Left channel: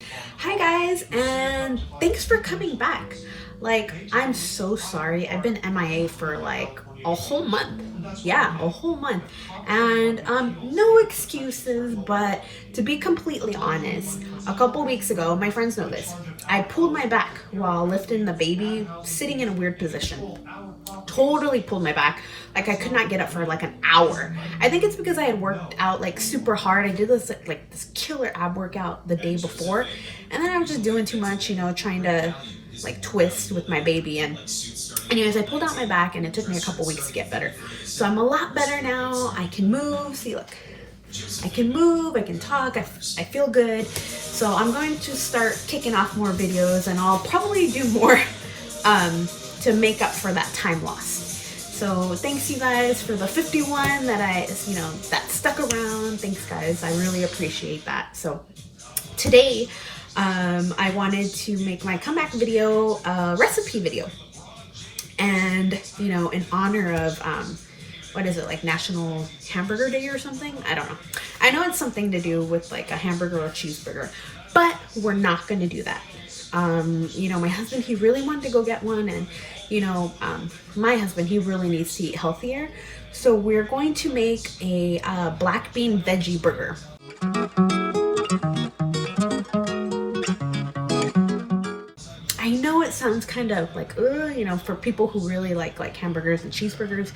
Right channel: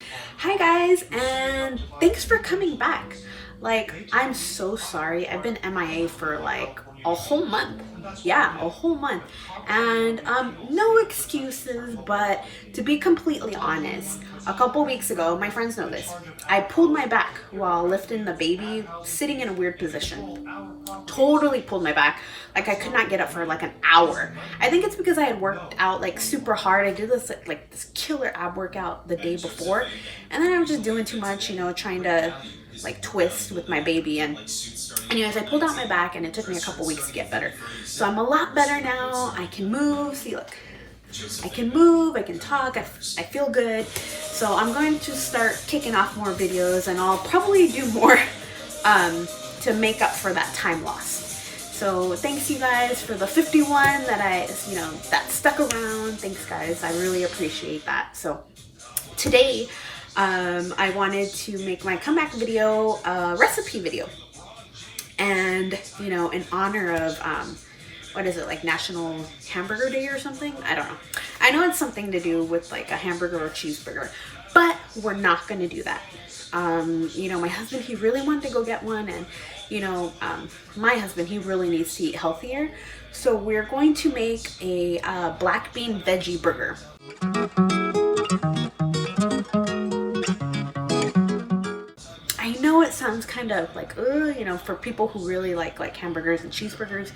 Hi guys, and thanks for coming back. Like, I'm so sorry. I've been MIA for like a whole month. Yeah, a whole month. And no excuses, but to be completely honest, a couple weeks ago, my friends know this. I pulled my back while lifting the baby, sitting in a weird position. Totally pulled my back. Like I could not get up for like an hour. I think it's because I had worked out like super hard. I did this like this killer ab workout the day before, and then I was just doing too much, trying to like twist with my baby. And anyways, I pulled out my back and it took me a couple weeks to get better. So I'm a lot better now. I can move. See, look, I can move, I can talk, I feel good. So I'm going to start kicking off more videos, and I'll probably do more to make up for that time loss. So thanks you guys for the 51 that that stuck around. Thanks guys, I really appreciate that. So today I wanted to make my comeback video, recipe video. And in honor of what is it, like National Hamburger Day or something? I don't know. I know it's something to do with like a hamburger or cheeseburger, but we're not going to do that. My husband, he really wanted to go get one, and my husband, he really needs to eat healthier. So we're going to make a black bean veggie burger. I know it sounds kind of like, for people who really like hamburgers and cheeseburgers,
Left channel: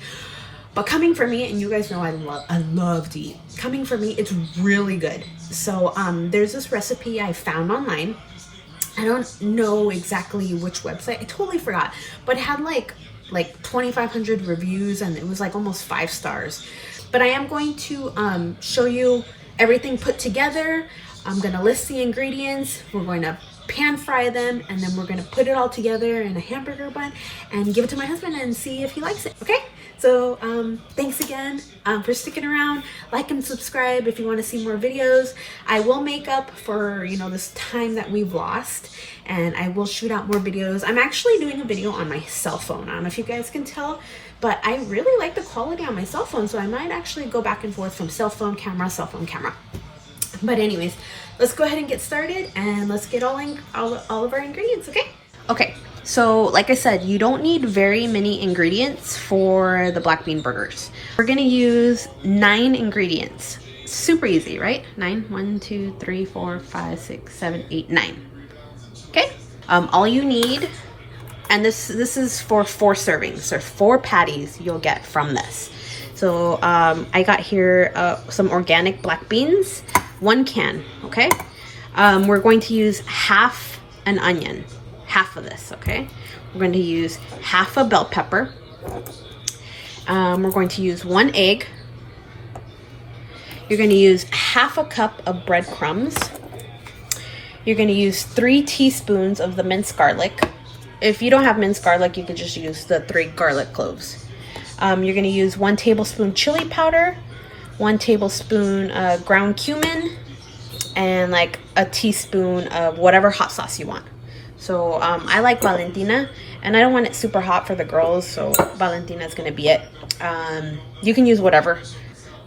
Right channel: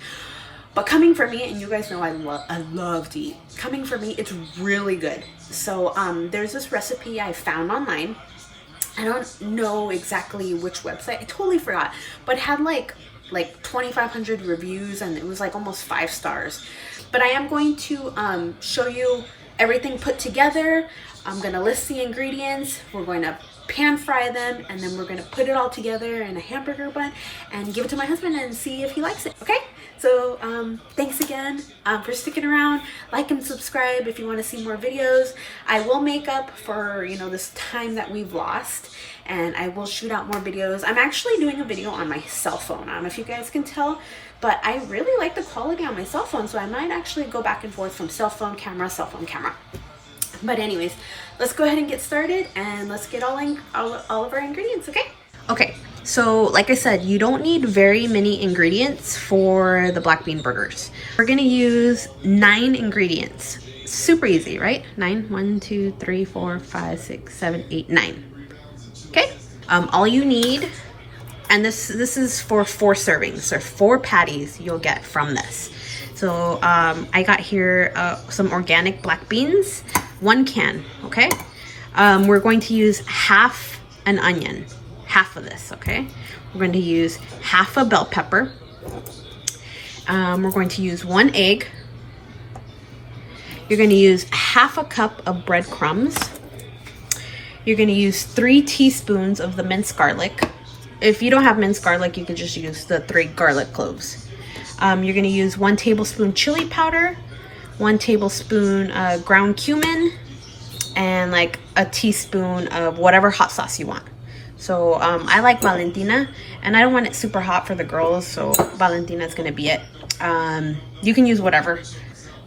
but coming from me, and you guys know I love to eat. Coming from me, it's really good. So there's this recipe I found online. I don't know exactly which website. I totally forgot, but it had like 2,500 reviews, and it was like almost 5 stars. But I am going to show you everything put together. I'm gonna list the ingredients. We're going to pan fry them, and then we're gonna put it all together in a hamburger bun and give it to my husband and see if he likes it. Okay, so thanks again for sticking around. Like and subscribe if you want to see more videos. I will make up for this time that we've lost, and I will shoot out more videos. I'm actually doing a video on my cell phone. I don't know if you guys can tell, but I really like the quality on my cell phone, so I might actually go back and forth from cell phone camera. But anyways, let's go ahead and get started, and let's get all of our ingredients, okay? Okay, so like I said, you don't need very many ingredients for the black bean burgers. We're gonna use 9 ingredients. Super easy, right? 9, 1, 2, 3, 4, 5, 6, 7, 8, 9. Okay, all you need, and this is for 4 servings. There are 4 patties you'll get from this. So I got here some organic black beans, 1 can, okay? We're going to use half an onion, half of this, okay? We're going to use half a bell pepper. We're going to use 1 egg. You're going to use half a cup of breadcrumbs. You're going to use 3 teaspoons of the minced garlic. If you don't have minced garlic, you could just use the 3 garlic cloves. You're going to use 1 tablespoon chili powder, 1 tablespoon ground cumin, and like a teaspoon of whatever hot sauce you want. So I like Valentina, and I don't want it super hot for the girls, so Valentina is going to be it. You can use whatever.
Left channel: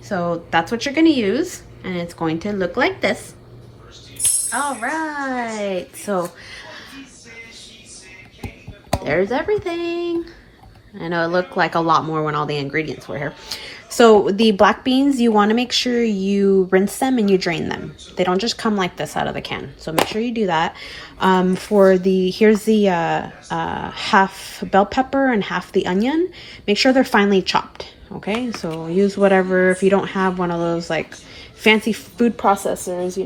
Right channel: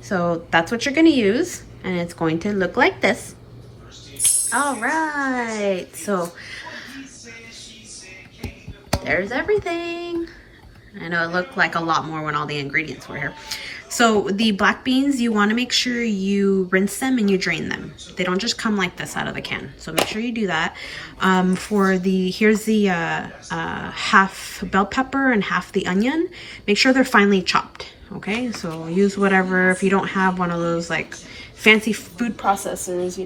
So that's what you're going to use, and it's going to look like this. All right, so there's everything. I know it looked like a lot more when all the ingredients were here. So the black beans, you want to make sure you rinse them and you drain them. They don't just come like this out of the can. So make sure you do that. Here's the half bell pepper and half the onion. Make sure they're finely chopped. Okay, so use whatever. If you don't have one of those like fancy food processors,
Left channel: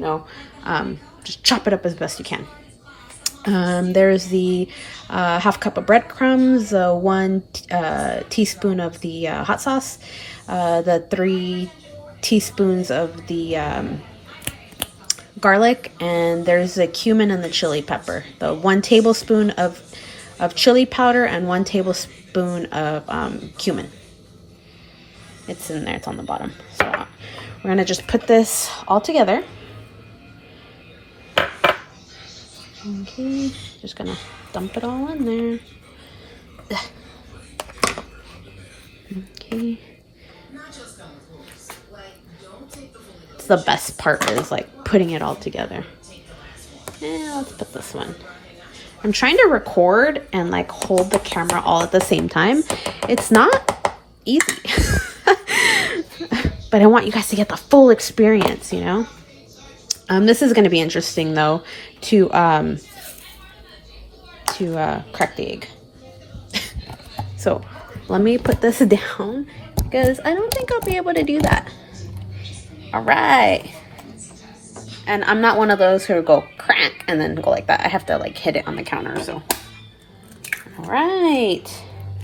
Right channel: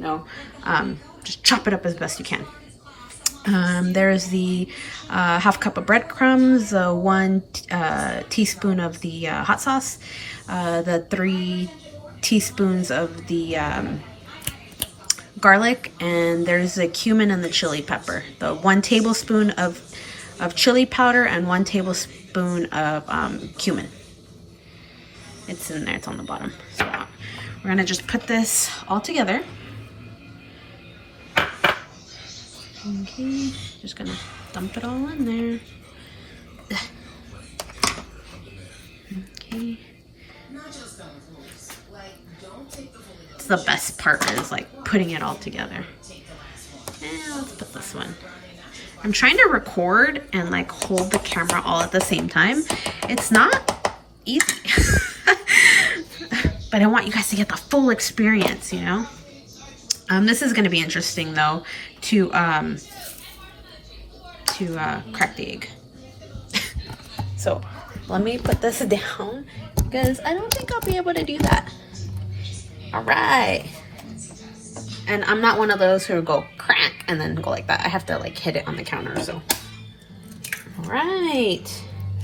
just chop it up as best you can. There's the half cup of breadcrumbs, 1 teaspoon of the hot sauce, the 3 teaspoons of the garlic, and there's the cumin and the chili pepper. The 1 tablespoon of chili powder and 1 tablespoon of cumin. It's in there, it's on the bottom. So we're gonna just put this all together. Okay, just gonna dump it all in there. Okay. It's the best part, is like putting it all together. Let's put this one. I'm trying to record and like hold the camera all at the same time. It's not easy. But I want you guys to get the full experience, you know? This is gonna be interesting though, to crack the egg. So let me put this down because I don't think I'll be able to do that. All right. And I'm not one of those who go crack and then go like that. I have to like hit it on the counter, so. All right,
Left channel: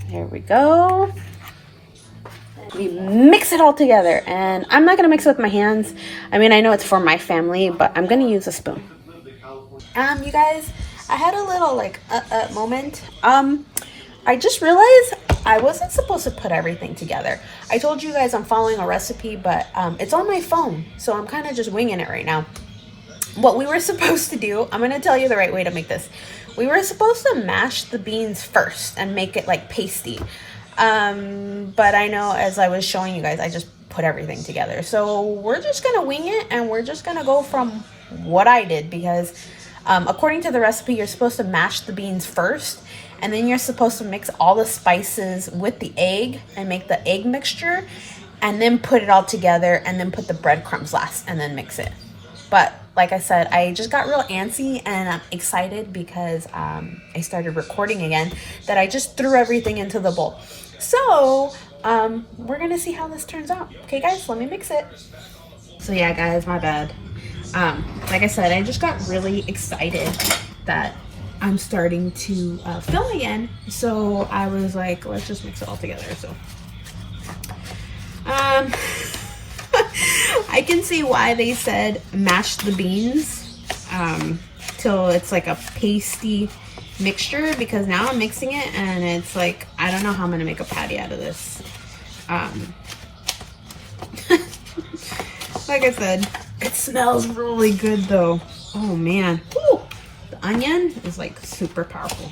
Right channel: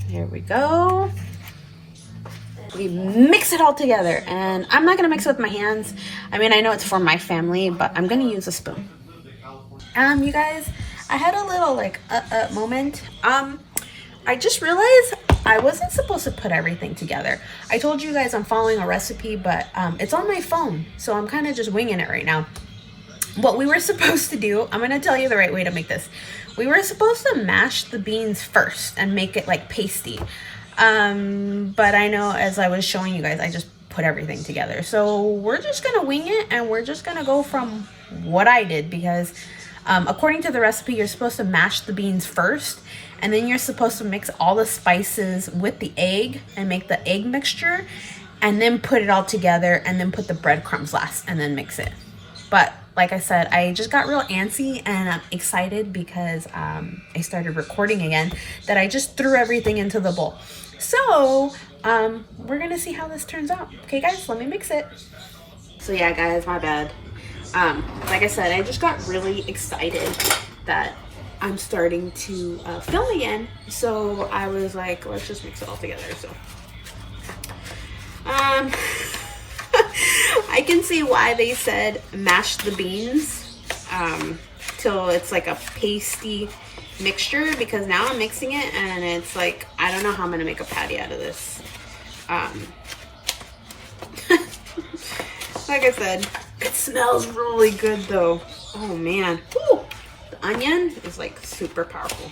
there we go. We mix it all together, and I'm not gonna mix it with my hands. I mean, I know it's for my family, but I'm gonna use a spoon. You guys, I had a little like moment. I just realized I wasn't supposed to put everything together. I told you guys I'm following a recipe, but it's on my phone, so I'm kind of just winging it right now. What we were supposed to do, I'm gonna tell you the right way to make this. We were supposed to mash the beans first and make it like pasty. But I know as I was showing you guys, I just put everything together. So we're just gonna wing it, and we're just gonna go from what I did, because according to the recipe, you're supposed to mash the beans first, and then you're supposed to mix all the spices with the egg and make the egg mixture, and then put it all together, and then put the breadcrumbs last, and then mix it. But like I said, I just got real antsy, and I'm excited because I started recording again, that I just threw everything into the bowl. So we're gonna see how this turns out. Okay guys, let me mix it. So yeah guys, my bad. Like I said, I just got really excited that I'm starting to film again. So I was like, let's just mix it all together. So I can see why they said mash the beans till it's like a pasty mixture, because now I'm mixing it and it's like, I don't know how I'm gonna make a patty out of this. Like I said, it smells really good though. Oh man. Ooh, the onion is like super powerful.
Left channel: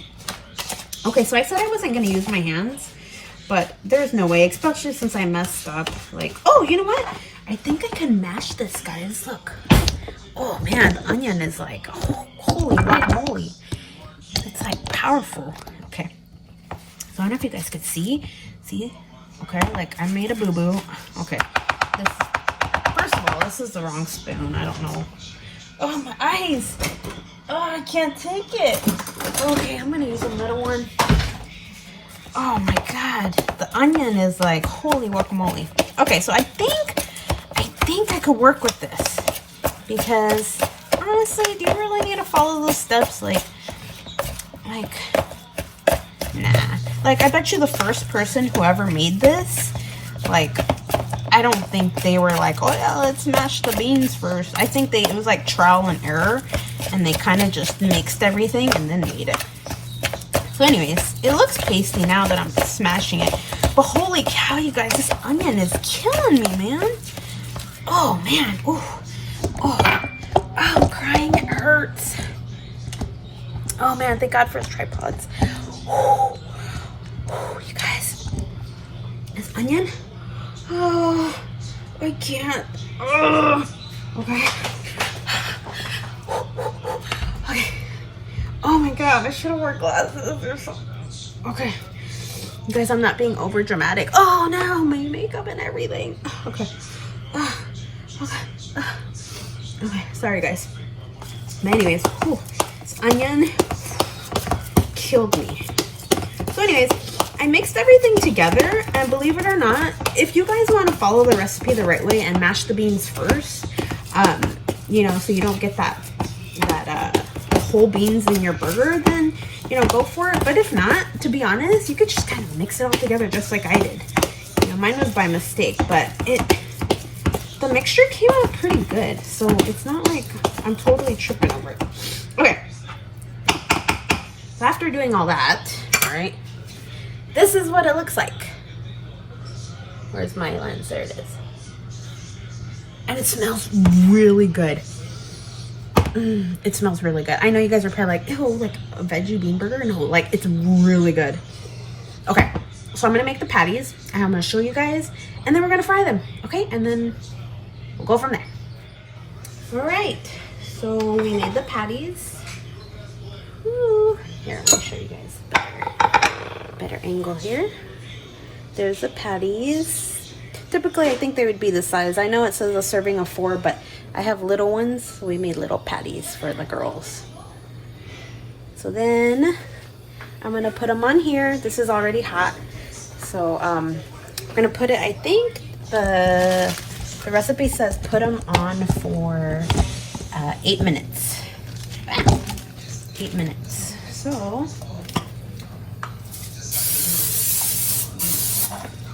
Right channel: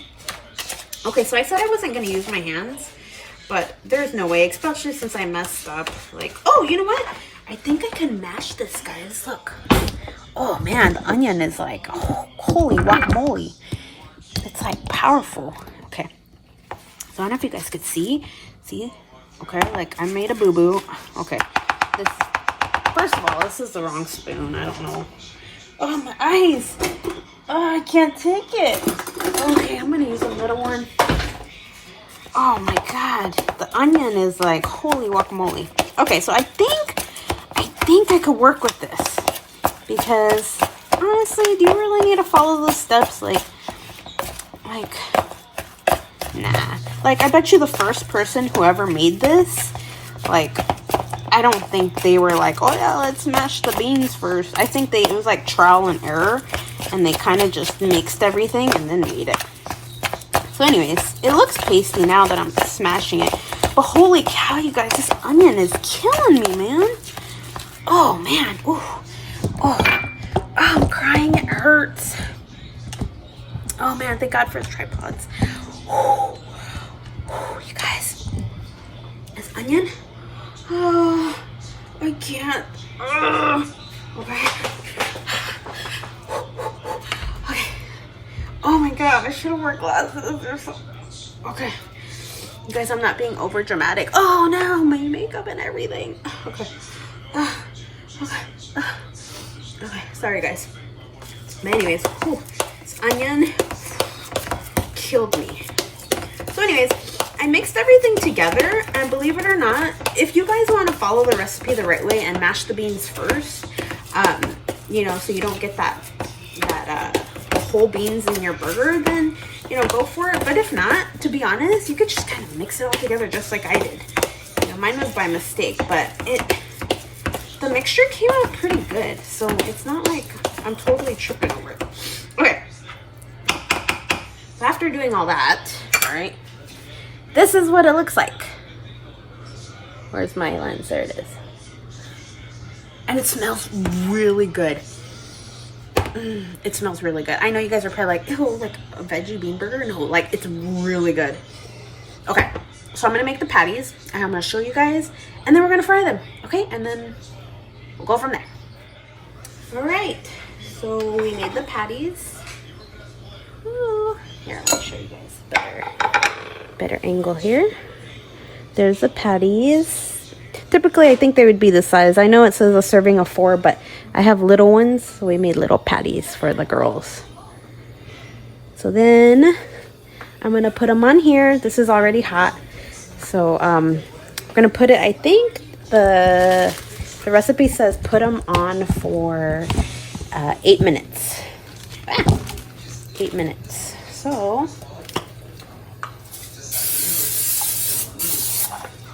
Okay, so I said I wasn't gonna use my hands, but there's no way, especially since I messed up. Like, oh, you know what? I think I can mash this, guys. Look. Oh man, the onion is like, oh, holy guacamole. It's like powerful. Okay. So I don't know if you guys could see. See? Okay, like I made a boo-boo. Okay. This, first of all, this is the wrong spoon. I don't know. Oh, my eyes. Oh, I can't take it. Okay, I'm gonna use a little one. Oh my God. The onion is like, holy guacamole. Okay, so I think I could work with this, because honestly, do you really need to follow the steps? Like, nah. Like, I bet you the first person who ever made this, like, I don't think they were like, oh yeah, let's mash the beans first. I think it was like trial and error, and they kind of just mixed everything and then made it. So anyways, it looks pasty now that I'm smashing it. But holy cow, you guys, this onion is killing me, man. Oh man, oh, I'm crying, it hurts. Oh man, thank God for his tripods. Oh, you guys, this onion, oh, I can't. Okay. Okay. Oh my God, I should have worn glasses or something. Okay. You guys, I'm not being over dramatic. Oh no, my makeup and everything. Okay. Okay, sorry guys. But anyways, this onion killed me. So anyways, I mixed everything together, and believe it or not, if you guys want to follow the recipe the right way and mash the beans first, you know, so you don't get that whole beans in your burger, then, you know, go for it. But if not, to be honest, you could just kind of mix it all together just like I did. You know, mine was by mistake, but the mixture came out pretty good, so it's not like I'm totally tripping over it. Okay, so after doing all that, all right, this is what it looks like. Where's my lens? There it is. And it smells really good. It smells really good. I know you guys are probably like, ew, like a veggie bean burger. No, like it's really good. Okay, so I'm gonna make the patties, and I'm gonna show you guys, and then we're gonna fry them, okay? And then we'll go from there. All right, so we made the patties. Here, let me show you guys better angle here. There's the patties. Typically, I think they would be this size. I know it says a serving of 4, but I have little ones, so we made little patties for the girls. So then I'm gonna put them on here. This is already hot, so I'm gonna put it. I think the recipe says put them on for 8 minutes. 8 minutes. So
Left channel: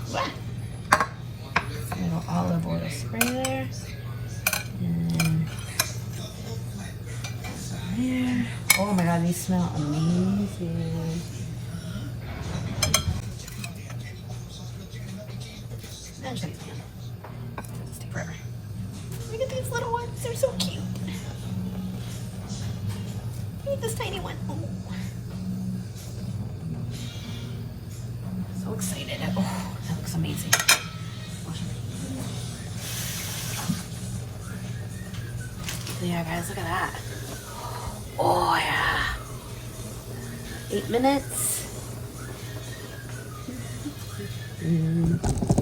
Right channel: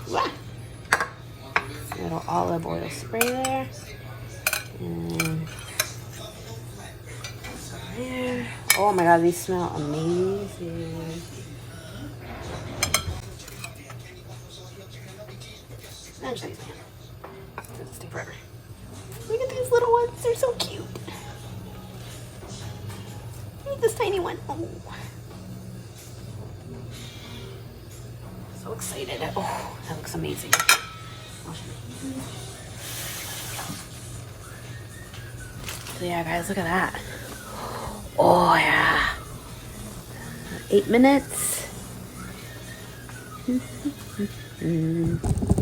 a little olive oil spray there. And there. Oh my god, these smell amazing. Look at these little ones, they're so cute. Look at this tiny one. Oh. So excited. Oh, that looks amazing. Yeah, guys, look at that. Oh, yeah. 8 minutes.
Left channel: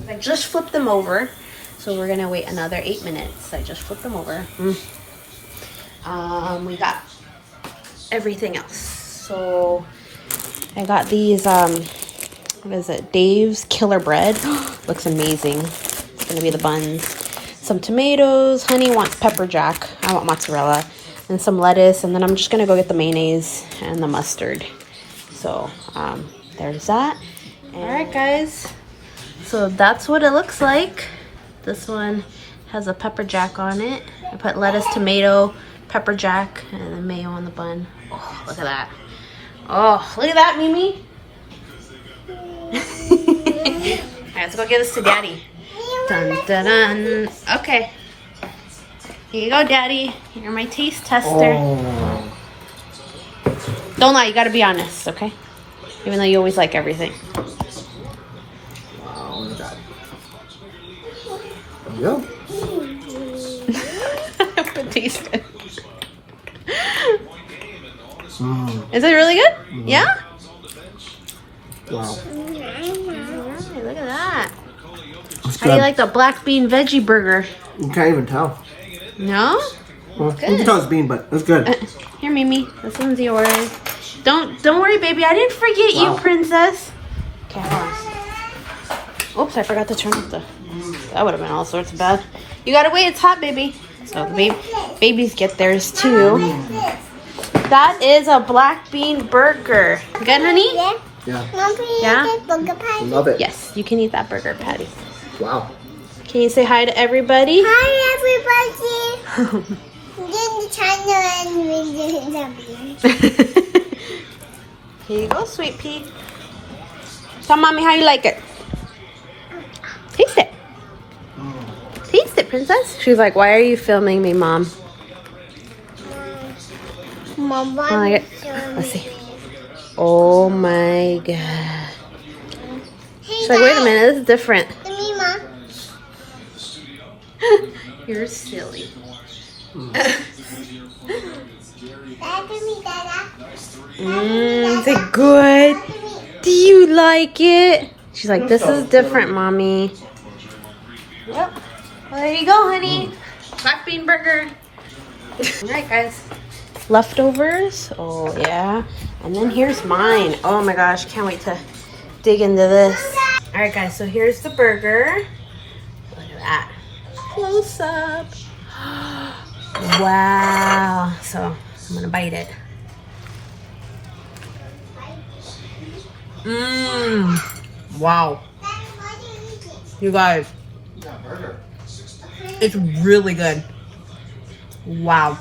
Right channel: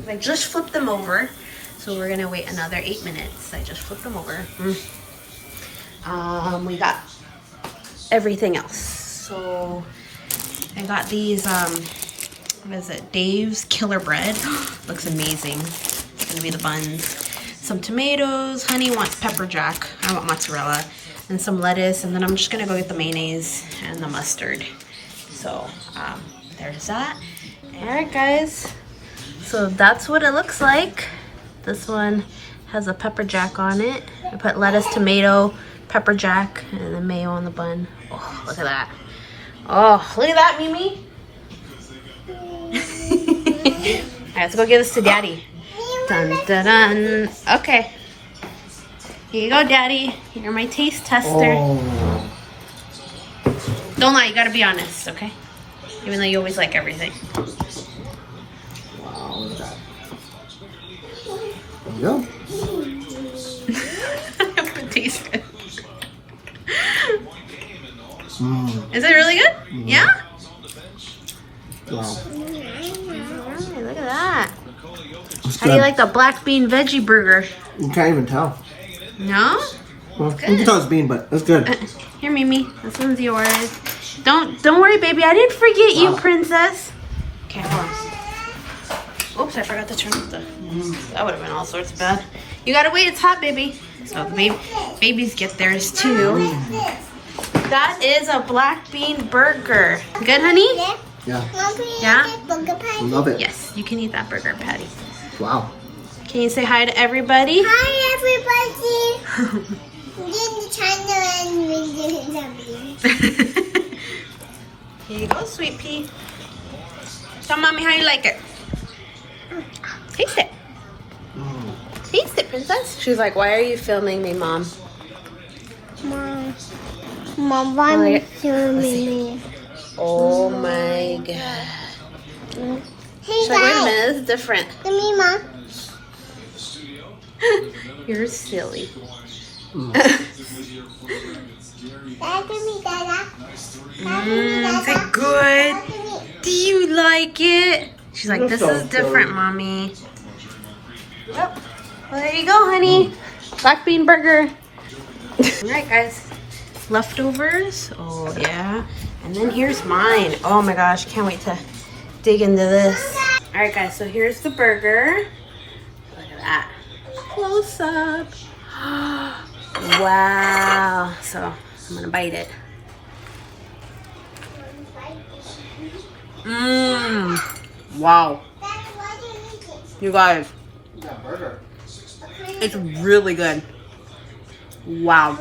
I just flipped them over, so we're gonna wait another 8 minutes. I just flipped them over. We got everything else. So I got these, what is it? Dave's Killer Bread. Looks amazing. It's gonna be the buns. Some tomatoes. Honey wants pepper jack. I want mozzarella. And some lettuce. And then I'm just gonna go get the mayonnaise and the mustard. So there's that. All right, guys. So that's what it looks like. This one has a pepper jack on it. I put lettuce, tomato, pepper jack, and a mayo on the bun. Oh, look at that. Oh, look at that, Mimi. All right, let's go give this to Daddy. Dun, dun, dun. Okay. Here you go, Daddy. You're my taste tester. Oh. Don't lie, you gotta be honest, okay? Even though you always like everything. Wow, look at that. There you go. It tastes good. Mm. Is it really good? Mm. Yeah? Wow. Alright, look at that. That's How do you like the black bean veggie burger? You can't even tell. No? Well, you can tell it's bean, but it's good. Here, Mimi. This one's yours. Don't worry, baby. I didn't forget you, princess. Okay, hold on. Oops, I forgot to turn off the... That would have been all sorts of bad. You gotta wait. It's hot, baby. So the babies get theirs too. That is a black bean burger. Good, honey? Yeah. Yeah? Love it. Yes, you can eat that burger patty. Wow. Can you say hi to everybody? Hi, everybody. Here you go, sweet pea. Tell mommy how you like it. Taste it. Taste it, princess. She's like, why are you filming me, Mom? I like it. Let's see. Oh my god. She's like, wait a minute, this is different. You're silly. Is it good? Do you like it? She's like, this is different, Mommy. Yep. Well, there you go, honey. Black bean burger. Alright, guys. Leftovers. Oh, yeah. And then here's mine. Oh my gosh, can't wait to dig into this. Alright, guys, so here's the burger. Look at that. Close up. Wow. So I'm gonna bite it. Wow. You guys, it's really good. Wow.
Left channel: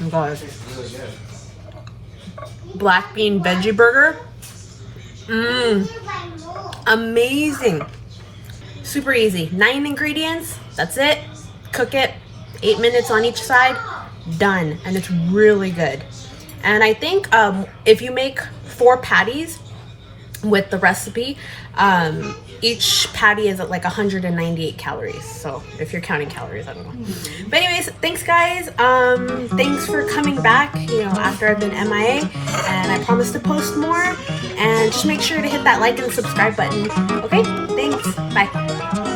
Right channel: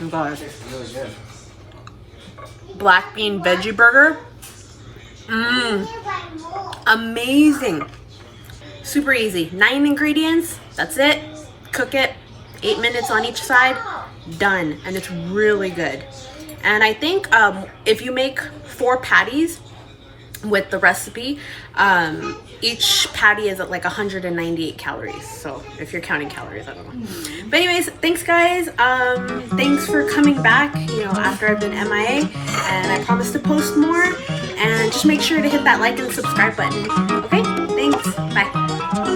You guys, black bean veggie burger. Amazing. Super easy. 9 ingredients. That's it. Cook it. 8 minutes on each side. Done. And it's really good. And I think if you make 4 patties, with the recipe. Each patty is at like 198 calories. So if you're counting calories, I don't know. But anyways, thanks guys. Thanks for coming back, you know, after I've been MIA, and I promise to post more. And just make sure to hit that like and subscribe button. Okay, thanks. Bye.